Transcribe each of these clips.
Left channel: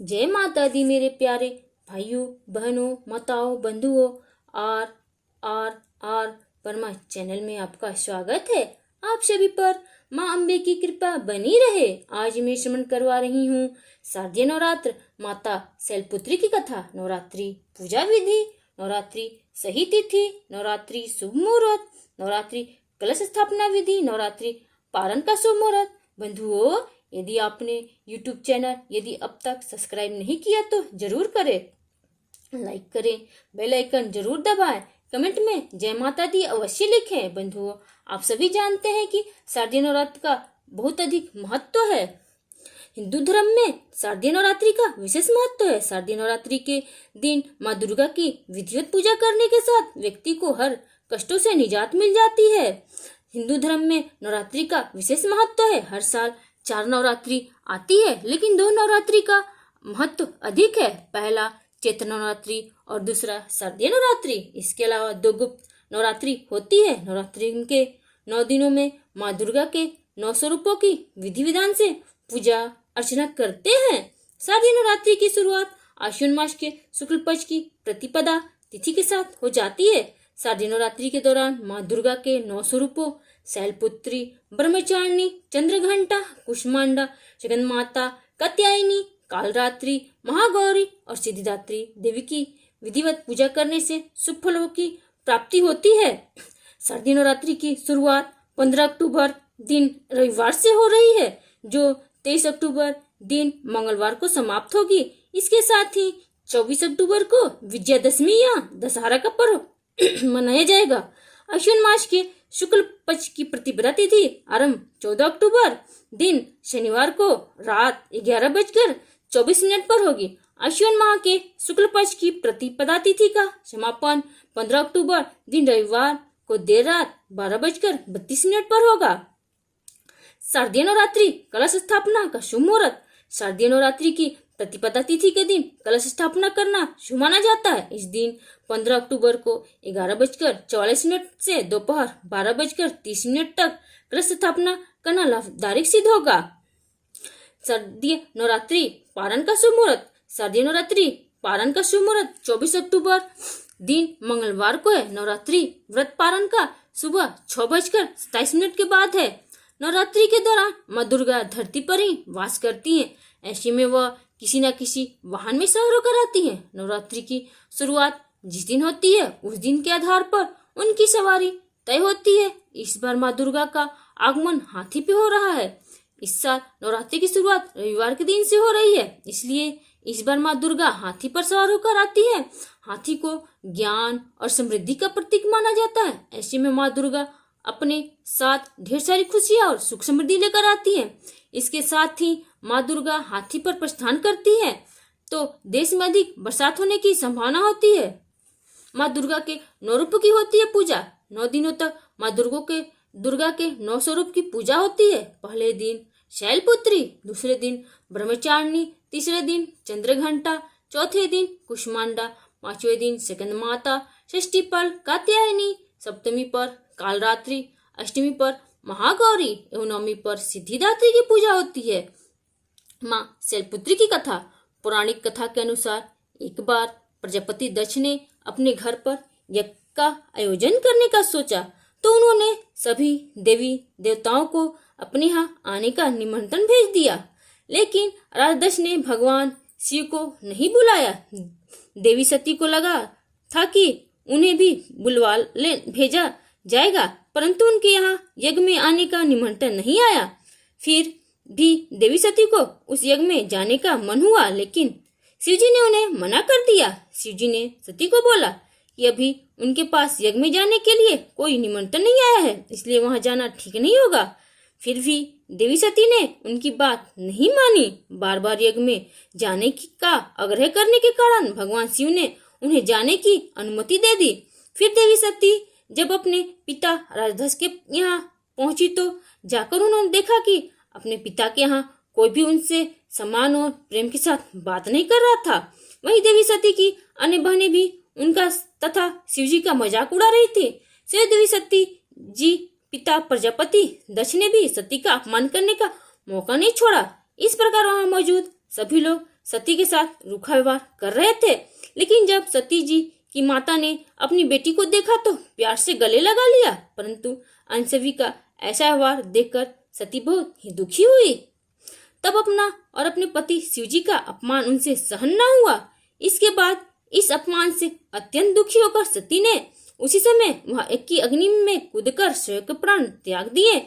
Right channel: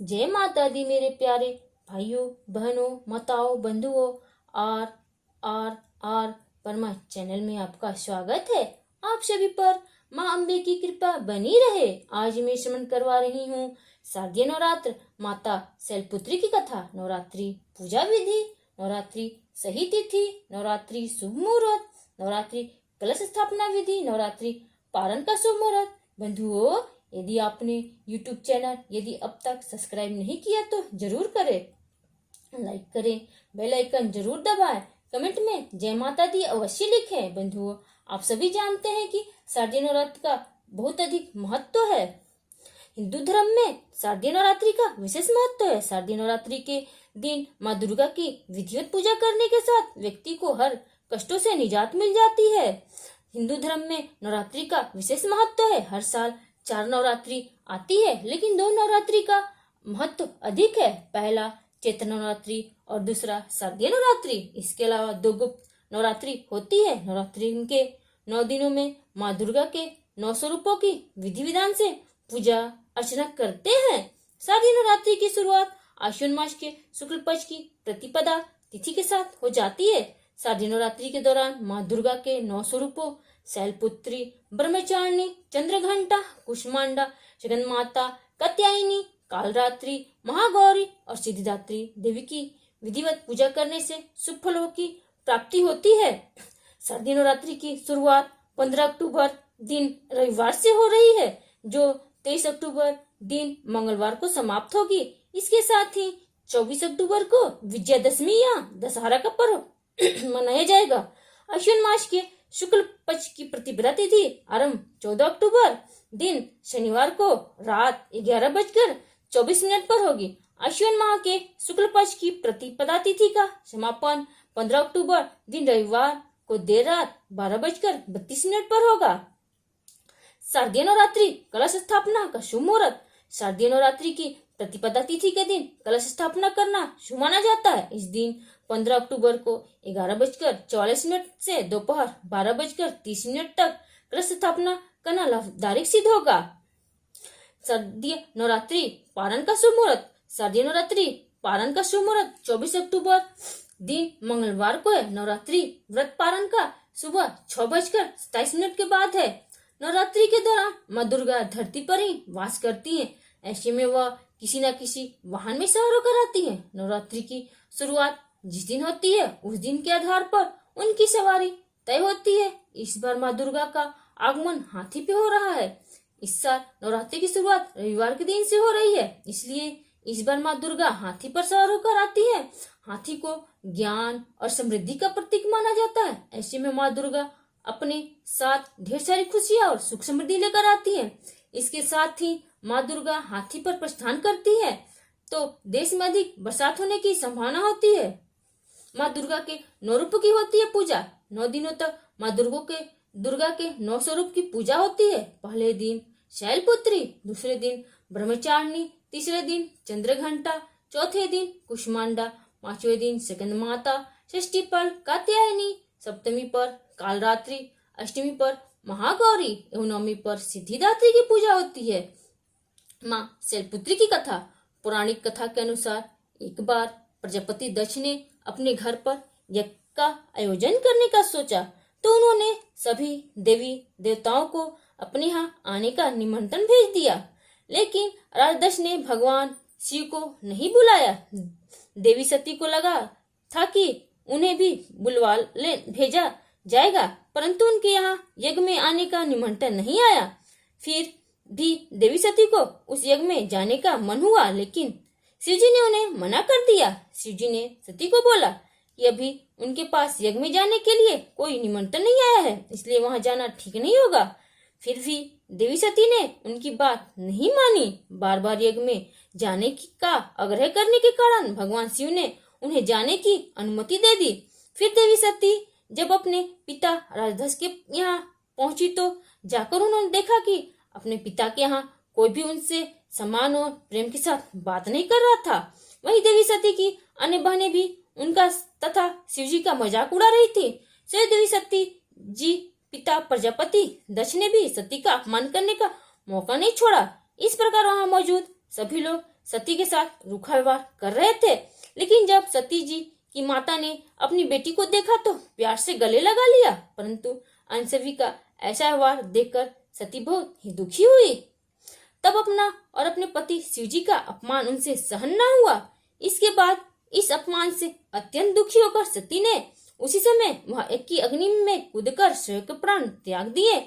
जय माता दी मेरे प्यारे भाइयों बहनों माताओं बंधुओं। R R R Parma channel में आपका स्वागत है। आप सभी पर माँ अम्बे की कृपा बनी रहे। आज मैं श्रवण करवा रही हूँ शारदीय नवरात्र माता शैलपुत्री की कथा। नवरात्रि पूजा विधि, नवरात्रि सही तिथि, नवरात्रि शुभ मुहूर्त, नवरात्रि कलश स्थापना विधि, नवरात्रि पारण का शुभ मुहूर्त। बंधुओं, यदि आपने YouTube चैनल यदि अब तक सब्सक्राइब नहीं किया तो जरूर करें, लाइक करें, बेल आइकन जरूर दबाएं, कमेंट में जय माता दी अवश्य लिखें। बंधुओं, आप सभी जानते हैं कि शारदीय नवरात्र का बहुत अधिक महत्व है। हिंदू धर्म में शारदीय नवरात्रि का विशेष महत्व है। शारदीय नवरात्रि के दिन माँ दुर्गा की विधिवत पूजा करने के साथ व्यक्ति को हर कष्टों से निजात मिल जाती है। हिंदू धर्म में नवरात्रि का विशेष महत्व है। हर साल 4 नवरात्रि आती है, लेकिन 2 नवरात्रि का महत्व अधिक है। पहला चैत्र नवरात्रि और दूसरा शारदीय नवरात्रि। इसके अलावा 2 गुप्त नवरात्रि होती है। नवरात्रि के 9 दिनों में माँ दुर्गा के 9 स्वरूपों की विधि विधान से पूजा अर्चना करते हैं। शारदीय नवरात्रि की शुरुआत आश्विन मास के शुक्ल पक्ष की प्रतिपदा तिथि के साथ हो जाती है। शारदीय नवरात्रि के दौरान माँ दुर्गा के 9 स्वरूपों शैलपुत्री, ब्रह्मचारिणी, चंद्रघंटा, कुष्मांडा, जगन्माता, कात्यायनी, कालरात्रि, महागौरी और सिद्धिदात्री देवी की विधिवत पूजा करने से शुभ फलों की प्राप्ति होती है। शारदीय नवरात्रि की शुरुआत 15 अक्टूबर दिन रविवार से हो रही है, जो 23 अक्टूबर दिन मंगलवार को समाप्त होगी। इसके साथ ही 24 अक्टूबर को विजयादशमी या दशहरा का पर्व मनाया जाएगा। अश्विन मास के शुक्ल पक्ष की प्रतिपदा तिथि आरंभ 14 अक्टूबर दिन शनिवार को रात 11:24 पर होगी। अश्विन माह के शुक्ल पक्ष की प्रतिपदा तिथि का समापन 15 अक्टूबर दिन रविवार को देर रात 12:32 पर होगा। शारदीय नवरात्रि कलश स्थापना का शुभ मुहूर्त। शारदीय नवरात्रि की प्रतिपदा तिथि के दिन कलश स्थापना करना शुभ माना जाता है। इस दिन 15 अक्टूबर को 11:44 से दोपहर 12:30 तक कलश स्थापना करना लाभदायक सिद्ध होगा। शारदीय नवरात्रि पारण का शुभ मुहूर्त। शारदीय नवरात्रि पारण का शुभ मुहूर्त 24 अक्टूबर दिन मंगलवार को है। नवरात्रि व्रत पारण का सुबह 6:27 के बाद है। नवरात्रि के दौरान माँ दुर्गा धरती पर ही वास करती हैं। ऐसे में वह किसी न किसी वाहन में सवार होकर आती है। नवरात्रि की शुरुआत जिस दिन होती है उस दिन के आधार पर उनकी सवारी तय होती है। इस बार माँ दुर्गा का आगमन हाथी पे हो रहा है। इस साल नवरात्रि की शुरुआत रविवार के दिन से हो रही है, इसलिए इस बार माँ दुर्गा हाथी पर सवार होकर आती है। हाथी को ज्ञान और समृद्धि का प्रतीक माना जाता है। ऐसे में माँ दुर्गा अपने साथ ढेर सारी खुशियां और सुख समृद्धि लेकर आती है। इसके साथ ही माँ दुर्गा हाथी पर प्रस्थान करती है तो देश में अधिक बरसात होने की संभावना होती है। माँ दुर्गा के 9 रूप की होती है पूजा। 9 दिनों तक माँ दुर्गा के 9 स्वरूप की पूजा होती है। पहले दिन शैलपुत्री, दूसरे दिन ब्रह्मचारिणी, तीसरे दिन चंद्रघंटा, चौथे दिन कुष्मांडा, 5वें दिन जगन्माता, षष्ठी पर कात्यायनी, सप्तमी पर कालरात्रि, अष्टमी पर महागौरी एवं नवमी पर सिद्धिदात्री की पूजा होती है। माँ शैलपुत्री की कथा। पौराणिक कथा के अनुसार एक बार प्रजापति दक्ष ने अपने घर पर यज्ञ का आयोजन करने का सोचा, तो उन्होंने सभी देवी देवताओं को अपने यहाँ आने का निमंत्रण भेज दिया, लेकिन राजा दक्ष ने भगवान शिव को नहीं बुलाया। देवी सती को लगा था कि उन्हें भी भेजा जाएगा, परंतु उनके यहाँ यज्ञ में आने का निमंत्रण नहीं आया। फिर भी देवी सती को उस यज्ञ में जाने का मन हुआ, लेकिन शिवजी ने उन्हें मना कर दिया। शिवजी ने सती को बोला कि अभी उनके पास यज्ञ में जाने के लिए कोई निमंत्रण नहीं आया है, इसलिए वहां जाना ठीक नहीं होगा। फिर भी देवी सती ने उनकी बात नहीं मानी। बार बार यज्ञ में जाने का आग्रह करने के कारण भगवान शिव ने उन्हें जाने की अनुमति दे दी। फिर देवी सती जब अपने पिता राजदक्ष के यहाँ पहुंची तो जाकर उन्होंने देखा कि अपने पिता के यहाँ कोई भी उनसे सम्मान और प्रेम के साथ बात नहीं कर रहा था। वहीं देवी सती की अन्य बहनें भी उनका तथा शिवजी का मजाक उड़ा रही थी। देवी सती जी पिता प्रजापति दक्ष ने भी सती का अपमान करने का मौका नहीं छोड़ा। इस प्रकार वहां मौजूद सभी लोग सती के साथ रूखा व्यवहार कर रहे थे। लेकिन जब सती जी की माता ने अपनी बेटी को देखा तो प्यार से गले लगा लिया, परंतु अनसुई का ऐसा व्यवहार देखकर सती बहुत ही दुखी हुई। तब अपना और अपने पति शिवजी का अपमान उनसे सहन न हुआ। इसके बाद इस अपमान से अत्यंत दुखी होकर सती ने उसी समय वह एक की अग्नि में कूदकर स्वयं के प्राण त्याग दिए।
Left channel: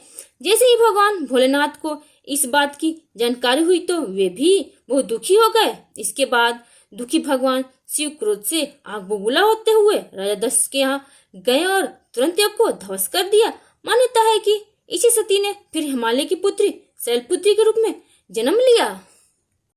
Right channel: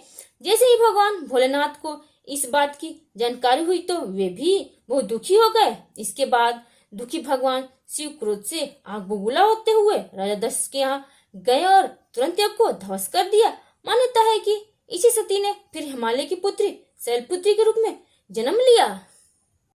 जैसे ही भगवान भोलेनाथ को इस बात की जानकारी हुई तो वे भी बहुत दुखी हो गए। इसके बाद दुखी भगवान शिव क्रोध से आग बबूला होते हुए राजा दक्ष के यहाँ गए और तुरंत यज्ञ को ध्वस्त कर दिया। मान्यता है कि इसी सती ने फिर हिमालय की पुत्री शैलपुत्री के रूप में जन्म लिया।